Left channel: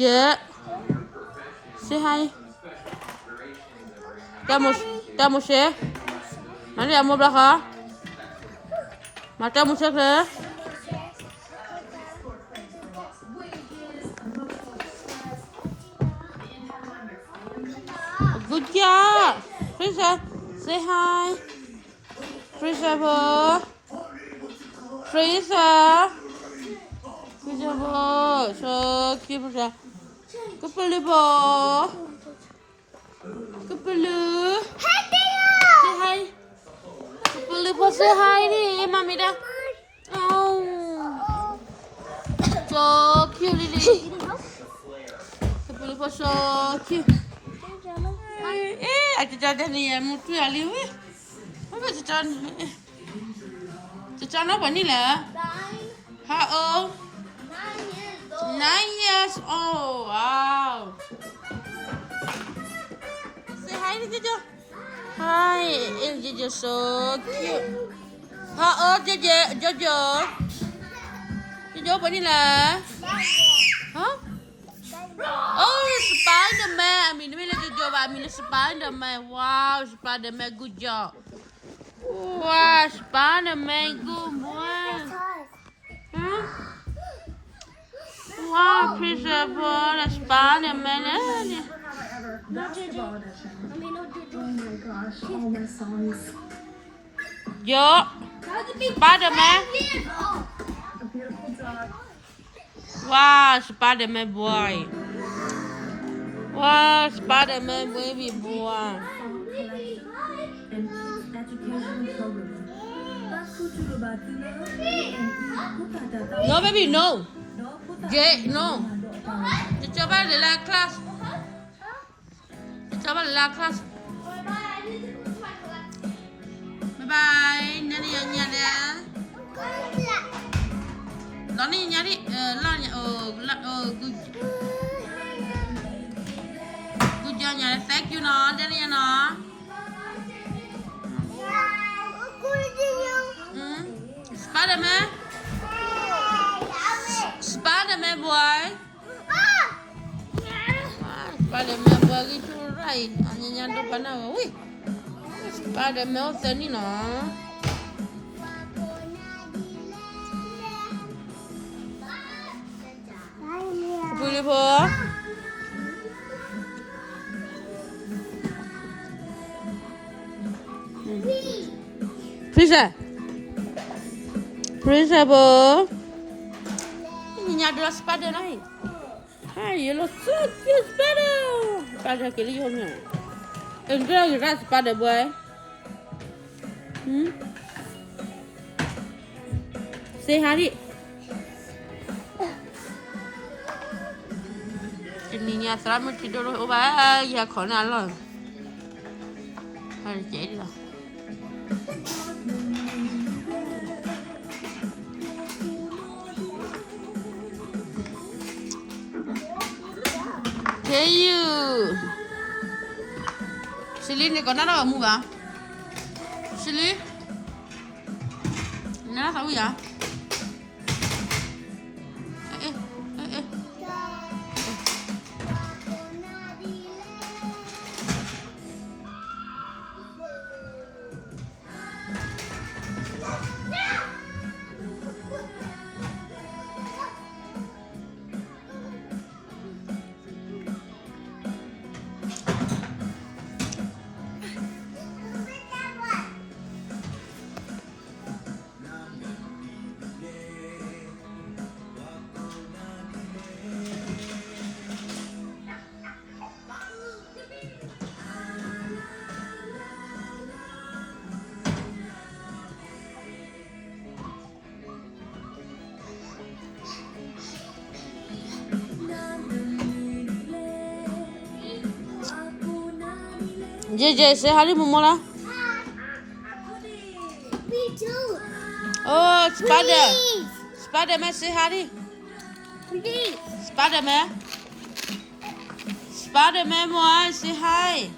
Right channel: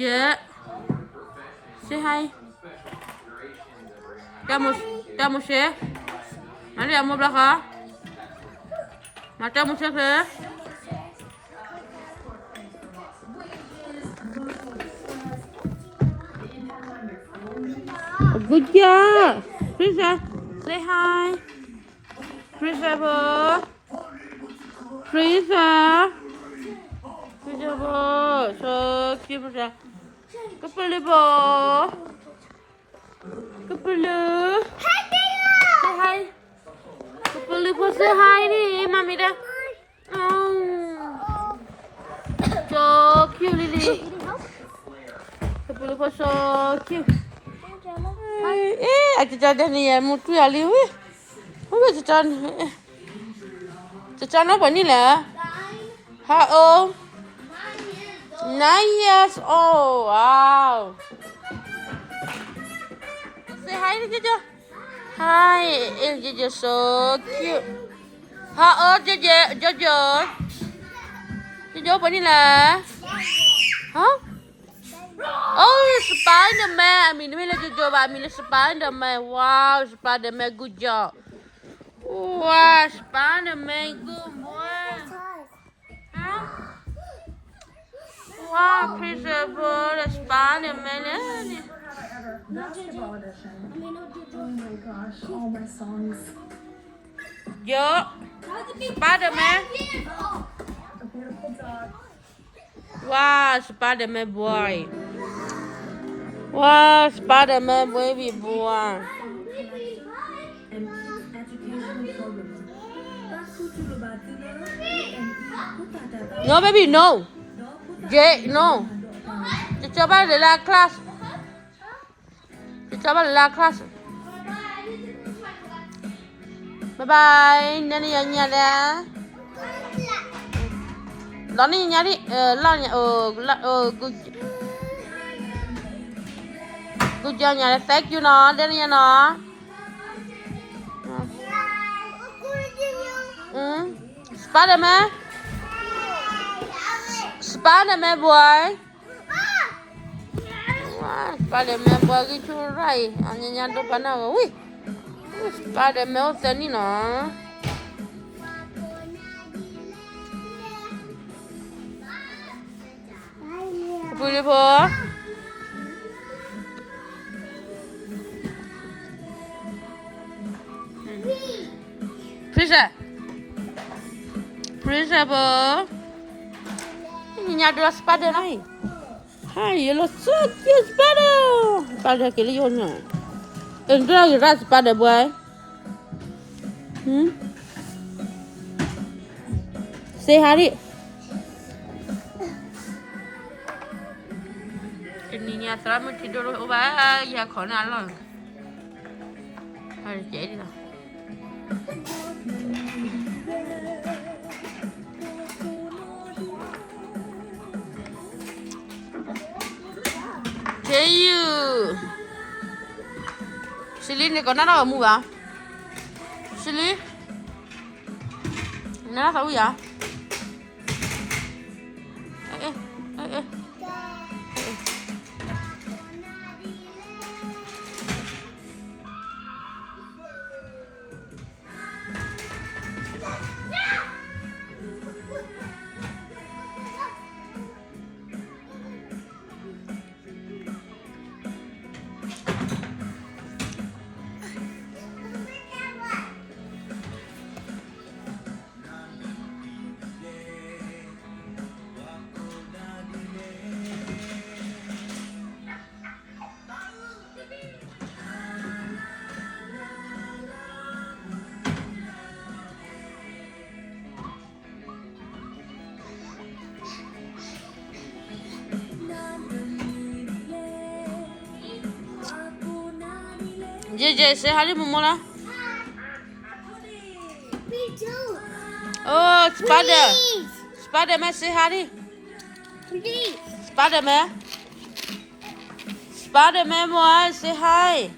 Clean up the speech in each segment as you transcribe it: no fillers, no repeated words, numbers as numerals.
Yeah. Say hi. Tamo siya. Mali amo ba ka? Mata mo siya ka? Good job. Frisa, say hi. Frisa bo. Frisa. Frisa bo. So cute Frisa. Kapulu bo. Kapulu. Say hi. Kapulu bo say hi đi. Mami dah. Oh. So cute Lily. Kapulu bo so cute. Aja dah ni ya mutu ali weh. Apa Cacan apa ni lah? How old? 9 years old. Wow. Say hi to Jojo. Hi, Jojo so cute. How old Jojo? Jojo apa ni lah? Huh? Oh, Spider-Man. I mean Jojo, I mean Spider-Man. Wow, Spider-Man, good job. Wow, Spider-Man, good boy. Huh? Wow, principal, Spider-Man. No, Jojo. I mean, no, Jojo. Oh my gosh, all my songs. Yo, Spider-Man. A beautiful dog. Wow, Spider-Man boy. Wow, Spider-Man baby boy. And kids education program. No, baby, no. Jay, no. Coba de la class. Coba de la class. Bye bye. Nani nyanyi dah. Lani nyari, lani good job nyari. Thank you no, Dani no. Spider-Man. Spider-Man boy. Spider-Man boy gitu rai. Anya nyando pana. Wih. Spider-Man tadi no. Beautiful. Prisa bo. Ini ada spider lagi. Hai, you look so cute spider. Spider kiri yonya. Enjoy rat spider boy. Say hi. Ini selama tidur ubah ya kena lah. Hari jadi lah. Hey you. Celin ni kau nak apa muka? Celin, nak tahu ya? JJ, say hi to Momola. Me too. Oh, Spider. Please. Spider-Man, say hi. Please. Spider-Man. Spider-Man boy, say hi.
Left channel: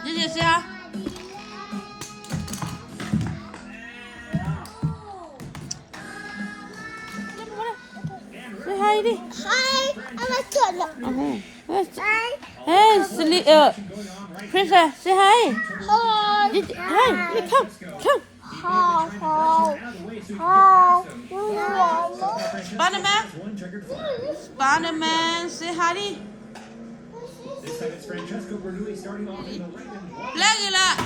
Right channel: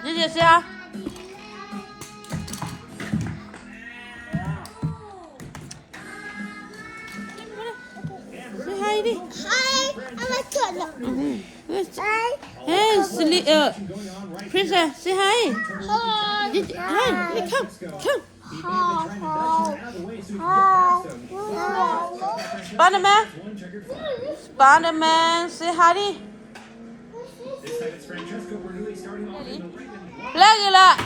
JJ, say hi. đi. Hi, I like to look. Hey, Celin, Princess, say hi. Hi. Hi, come. Hi. Spider-Man, say hi đi. This time it's Francesco Bernoulli starting off in the lead. Play kìa là.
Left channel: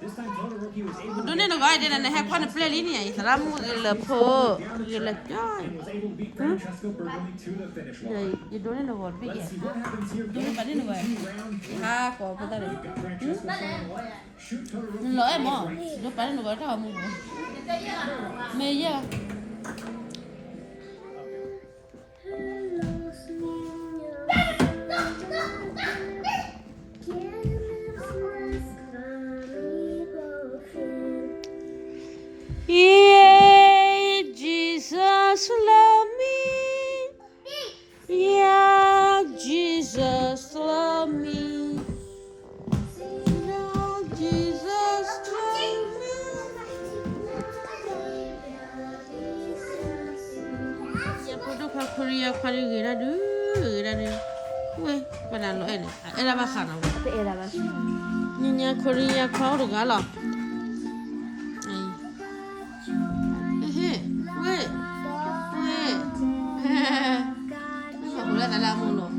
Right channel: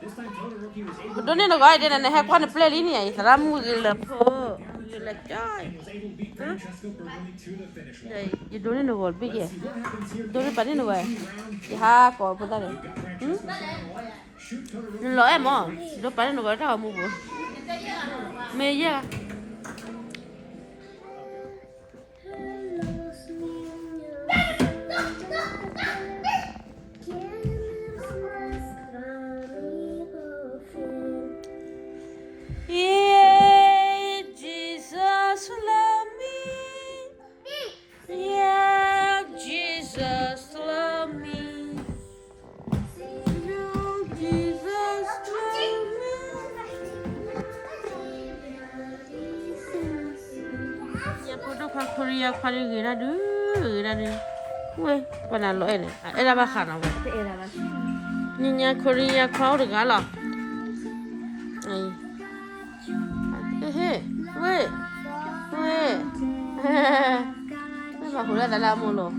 This time Toto Rookie was able Đôi nên nó gọi đây này hay quan play lý này, ra mua gì là phô, gì là trời. and was able to beat Francesco Bernoulli to the finish line. Này, gì đôi nên nó gọi biết kìa. See what happens here. Đôi nên bạn nên nó gọi. Round Ha, còn con ta này. got Francesco Bernoulli. Shoot Toto Rookie. Lỗi em à? Đôi bạn nên nó gọi ra mua bữa. Mê chứ. Yeah, Jesus love me. Yeah, Jesus love me. No, Jesus love me. Ya puedo Korea Korea gira du. Weh, pada lo ini. Era bahan apa? Era más. Niña Korea kau dengar lah. Ay. Weh. Apa pula dalam mulut?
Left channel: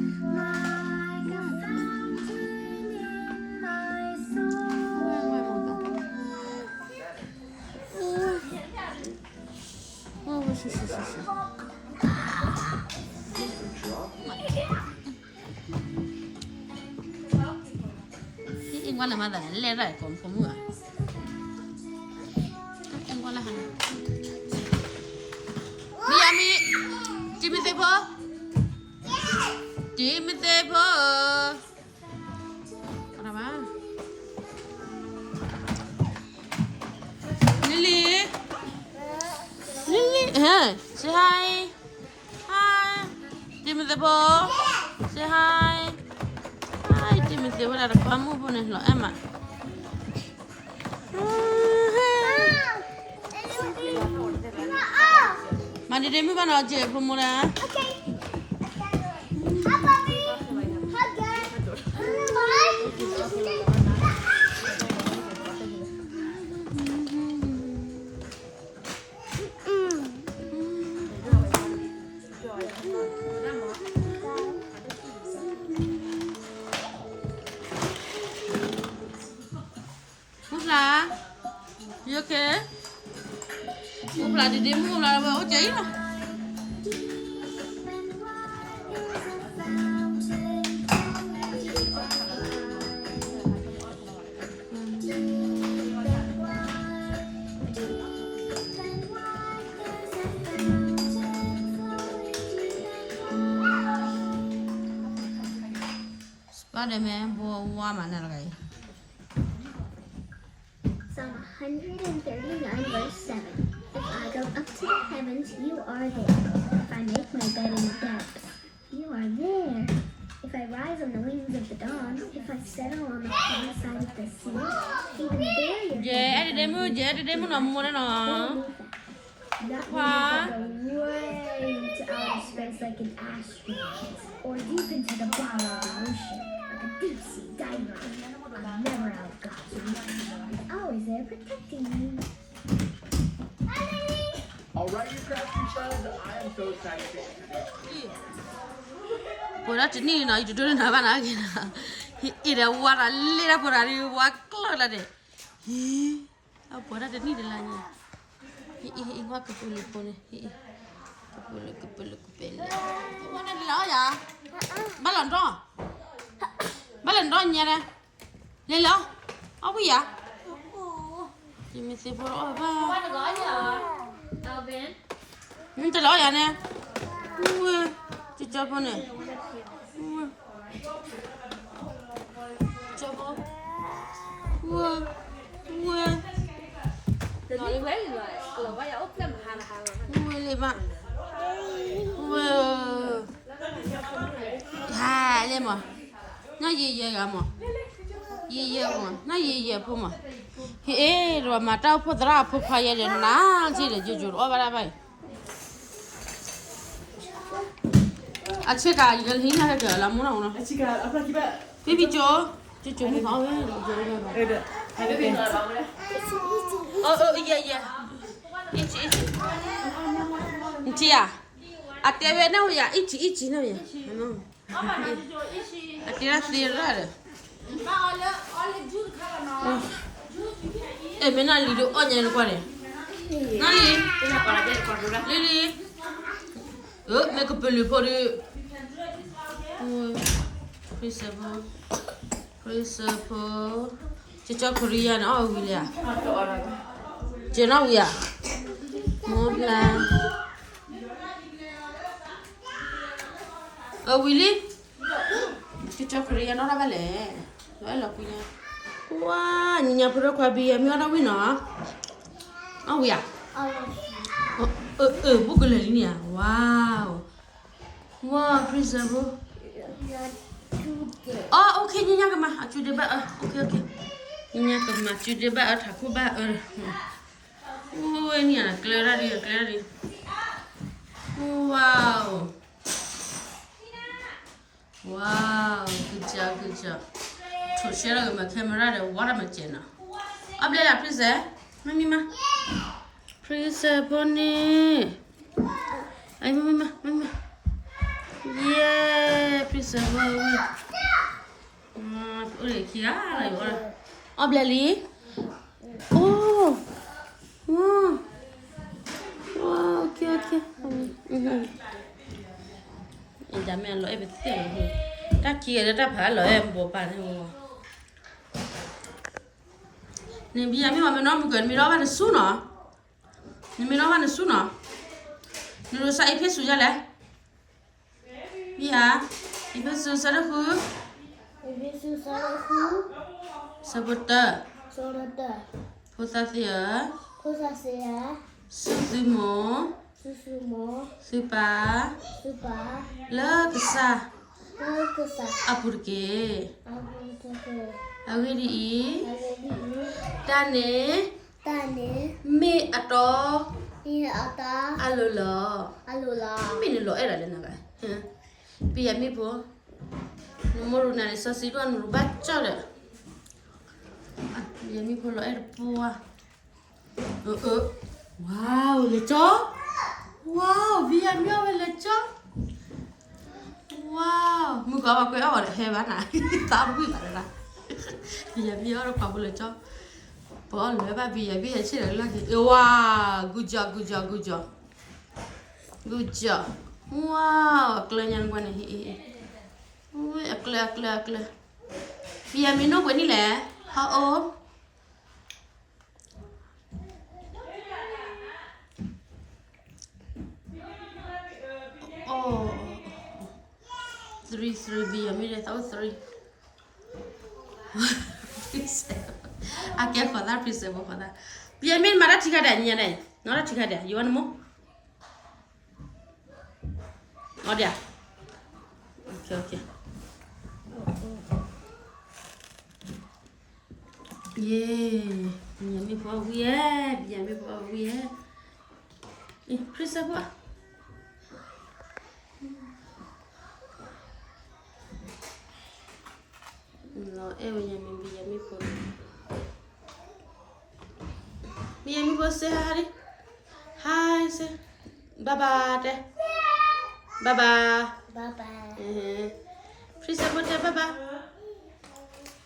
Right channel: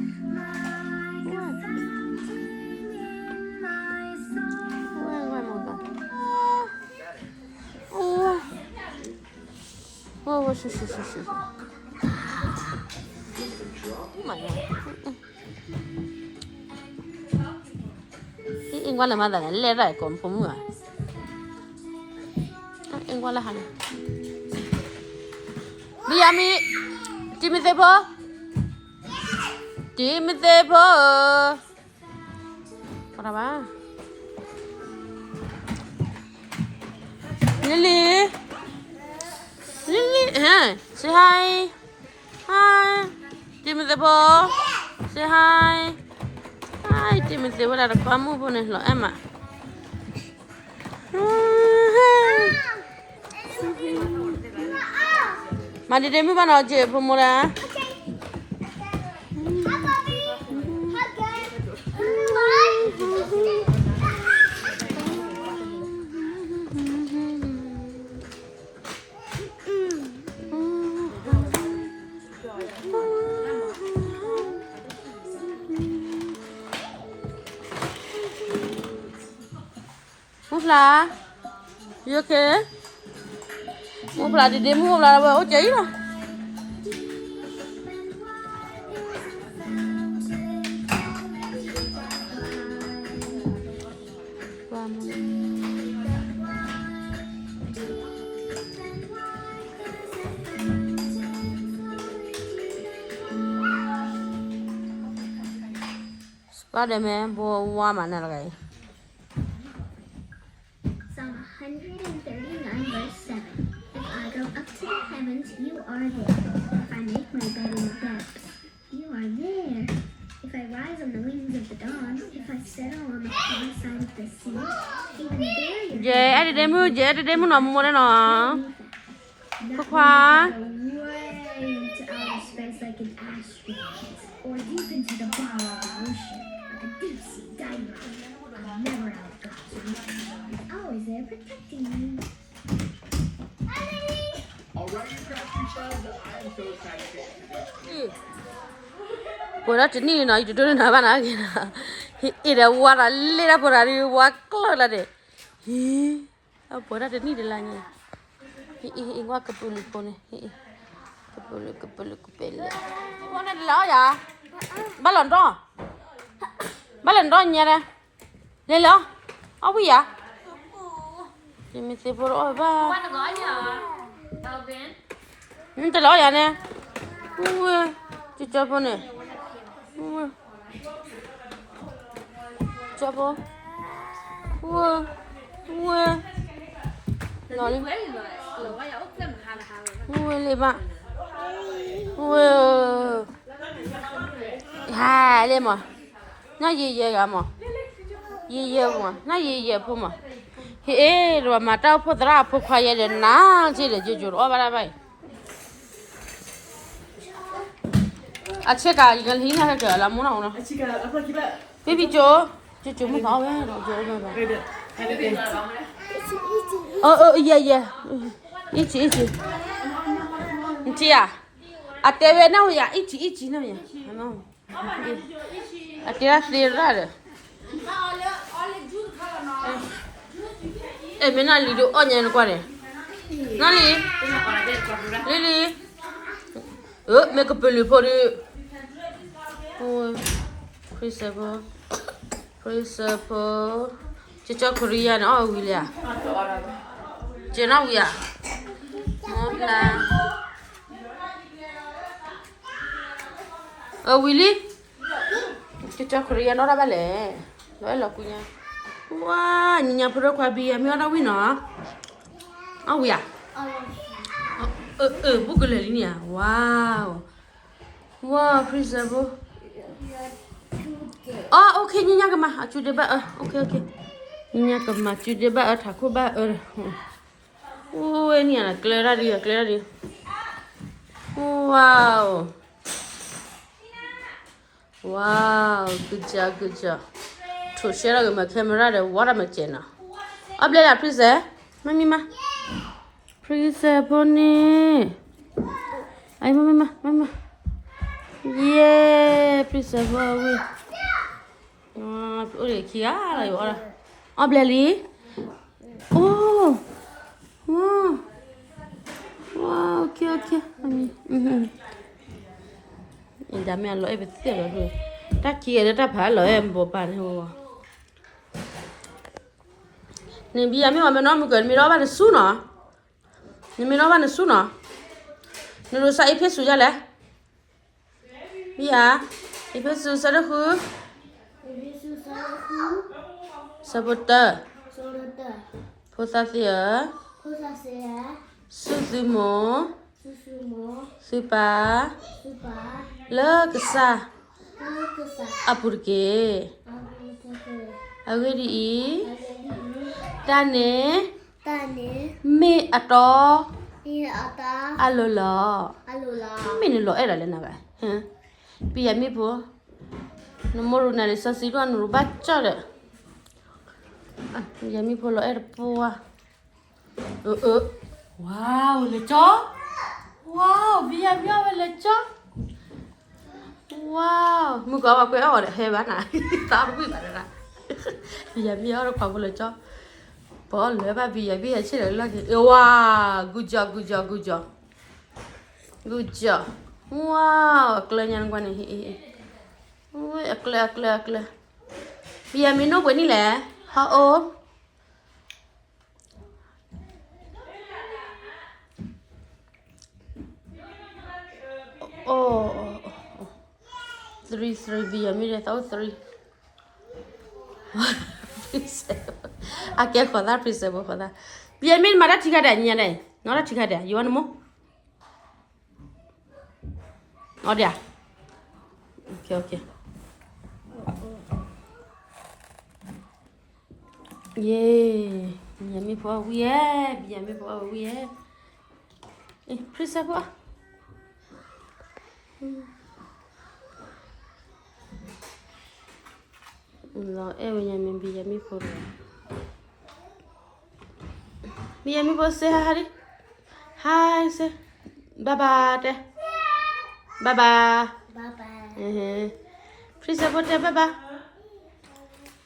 Oh, shush. Anh quan là mà đã lên lại còn không người. Anh quan là hả? Miami, Timothy Paul. Apa? Lily, say hi. Timothy Paul, say hi. Hi, Timothy, what are kamu pun ni lo, Emma. Mari demi mana aja pemula. Mufla, you okay? Mufla di demo Mufla apa? Oh jadi lah. Spider-Man buat mana lagi? Psalm 139 verse 7. If I go up to the heavens, you are there. If I make my bed in the depths, you are there. If I rise on the wings of the dawn, if I settle on the far side of the sea, even there you Dạ, đi demo nằm mua đây nọ. That Khoa. means go way into outer space like an astronaut, or deep into the bottom of the ocean, like a deep sea diver. I'm never out of God's reach. He's always there protecting me. All right, you crafty sons, I am so excited. Bữa đó chính là nói chuyện tôi nói bạn nói gì nào, ít là qua là lấy ra bữa đó đi qua cỡ là để, bữa đó chính là gì, qua cái bự lực này, cái bự lực. Qua đây là gì? Ba lần đó nha đây, lên lo, ở bây giờ, mình sẽ bữa đó ba. Qua nó gói nhờ tàu biển. Nên tôi lo vậy nè, ui, chị cho con này. Chapa. Wow. Nói đi quấy rồi. Rồi quay ốc lên một hàng. Wow, lên bạn. Wow. Ha, lên mà. Nó gì vậy mà? Gì vậy mà? Nó gì vậy mà? Ê, rồi mà tao phụ ra phụ khoai vậy ná, gì để chú ở bên đây. အချက်ကရလင်းရကလာမနော်နော် အချစ်ကအခုကြည့်ပါ ဘေဘီကျော်ကျွတ်မပါဘူးကျော်ပါပါ အဲ့ဒါအဲ့ဒါ 哦，耶，一起，你姐呀，啊，对面那位呀，一起那边，喏，啊，对了，对了，哎，没那里头2年过来，哪里？这里，那个本里跑的，哦，principal，这叫 Korean 啊，为了。姐那位呀，莫不啦？为哩，这叫 Korean 那巴嘞，来了姑娘。哇，你家不是快毕业没有那位呢？啊位呀？不可能的呀！哇，哇 principal。哦，OK，你家干嘛？啊，就这吧，OK。你家干嘛？就这吧，他哭吧，你啊，clear đi. Wow, good job. Thôi share cái mà camera để quá mà chén à. Up lên là please, mami ma. Please, Bonnie. Ay, mama. Yeah, please, wow. Ôi, kia rồi bỏ ra. Up lên đi. Okay. Em dám ăn lỗi em biết rồi. Ta kia ta phá lỗi em bộ bàn hồ. Nên bây giờ mình nói một cái mình nói bạn su nó. Nên mình nói bạn su nó. Nên rồi sao ít su ra lẽ. Bây giờ ít su sao đó khứ. Saboteur. Potassium. Susumo. Supa. Lekesa. Apurke. Agedi. Tane. Me ato. Alola. Mình lỗi là lên nào vậy? Bây giờ mi bố. Nó mua đồ này sao xí con nó bắt cho được. Bây giờ mi bố lỗi là bố. Wow, le chó. Wow, bây giờ mi le chó. Wow, mình có bao nhiêu ở đây hay bán này, tao cũng biết bán này. Bây giờ mi ở đâu le chó. Bỏ lỡ ba bây giờ chỉ là cái. Wow, good job. Wow, keren yang quan này. Ui, keren. Bây giờ mình nấu cái này là how old? Oh. 3 bây giờ mình đã tao 3. À cái khó ta principal khó ta. Bây giờ mình mà đã chích hạt này, nó đã chích hạt này, you want more? Ở đây à? Ok. Yeah, bây giờ mình bỏ weird. Principal. Rồi em nhà mình bây giờ mình phụ. Bây giờ mình phụ say hi đi. Hi say. Bye bye. Please support bye bye.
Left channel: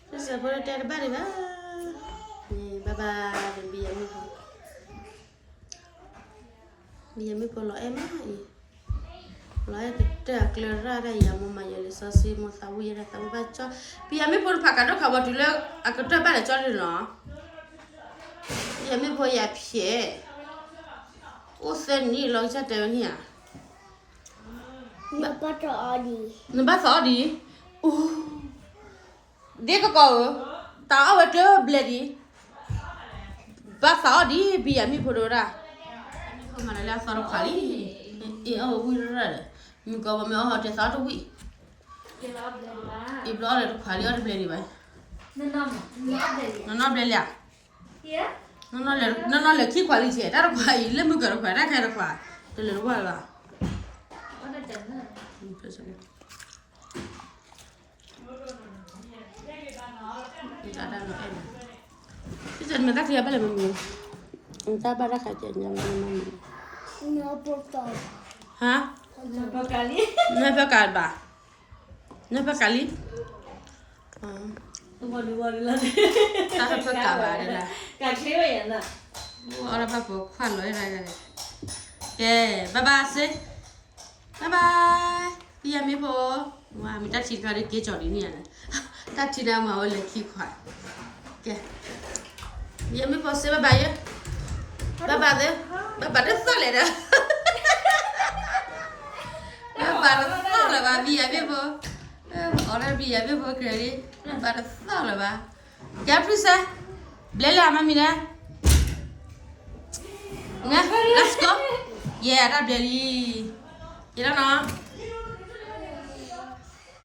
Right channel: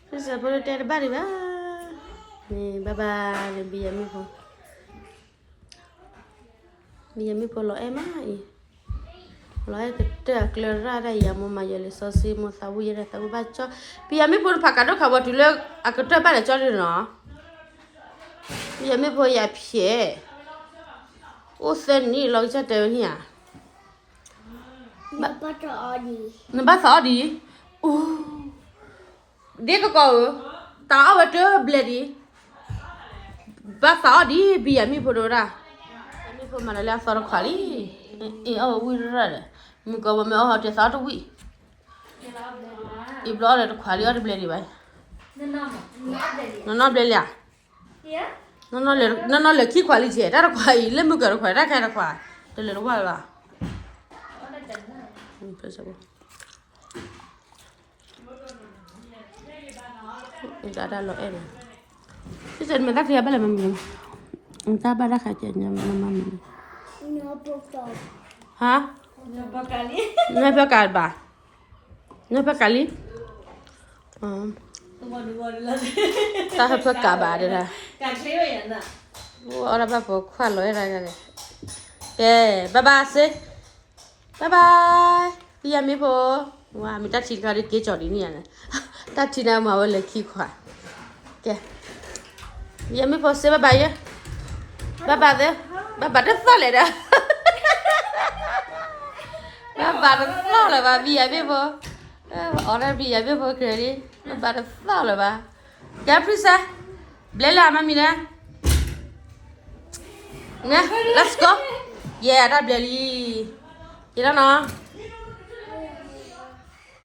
Please support bye bye. Bye bye. Bây giờ mình phụ lo em á. Lai kita clear ra ya mama ya lisasi mo sabu ya tahu baca. Biar mi pun pakai do kawan dulu aku tu apa le cari no. Biar mi pun ya pie. O sen ni lo sa te ni à. Ni ba sa đi. Dia kau tahu betul beli. Ba sa đi biar mi pun ora. Mi pun mana le asal kali. Vui rồi. Mình có mà họ chơi sao đâu vậy? Ít đó là khóa liệt đi vậy. Nó bể liệt. Nó là khi khóa liệt chết, đó là khóa lên mình gọi khóa ra cái là khóa. Đây là nó gọi là. Impossible. Kita ada lo ini. Kita mereka siapa yang mungkin? Entah pada kajiannya mungkin. No, por favor. Hah? Berapa kali? Ngapa kalba? Ngapa kali? Dua lah. Tak apa kabar dah. Kan cewek ya nak. Orang apa kuat lo era kan. Okay, bye bye sih. Bye bye. Iya mi po. Wah, mi tak cerita lagi kecil ini ya. Tak cerita mau lagi kuat. Okay. Iya mi po sih bye bye ya. Bye bye deh. Bye bye deh tak leda. Bye bye tak leda. Iya mi po. Orang iya mi po kiri. Bye bye tak leda. क्या प्रिसा ब्लेला mami na let's go yeah that belly you don't know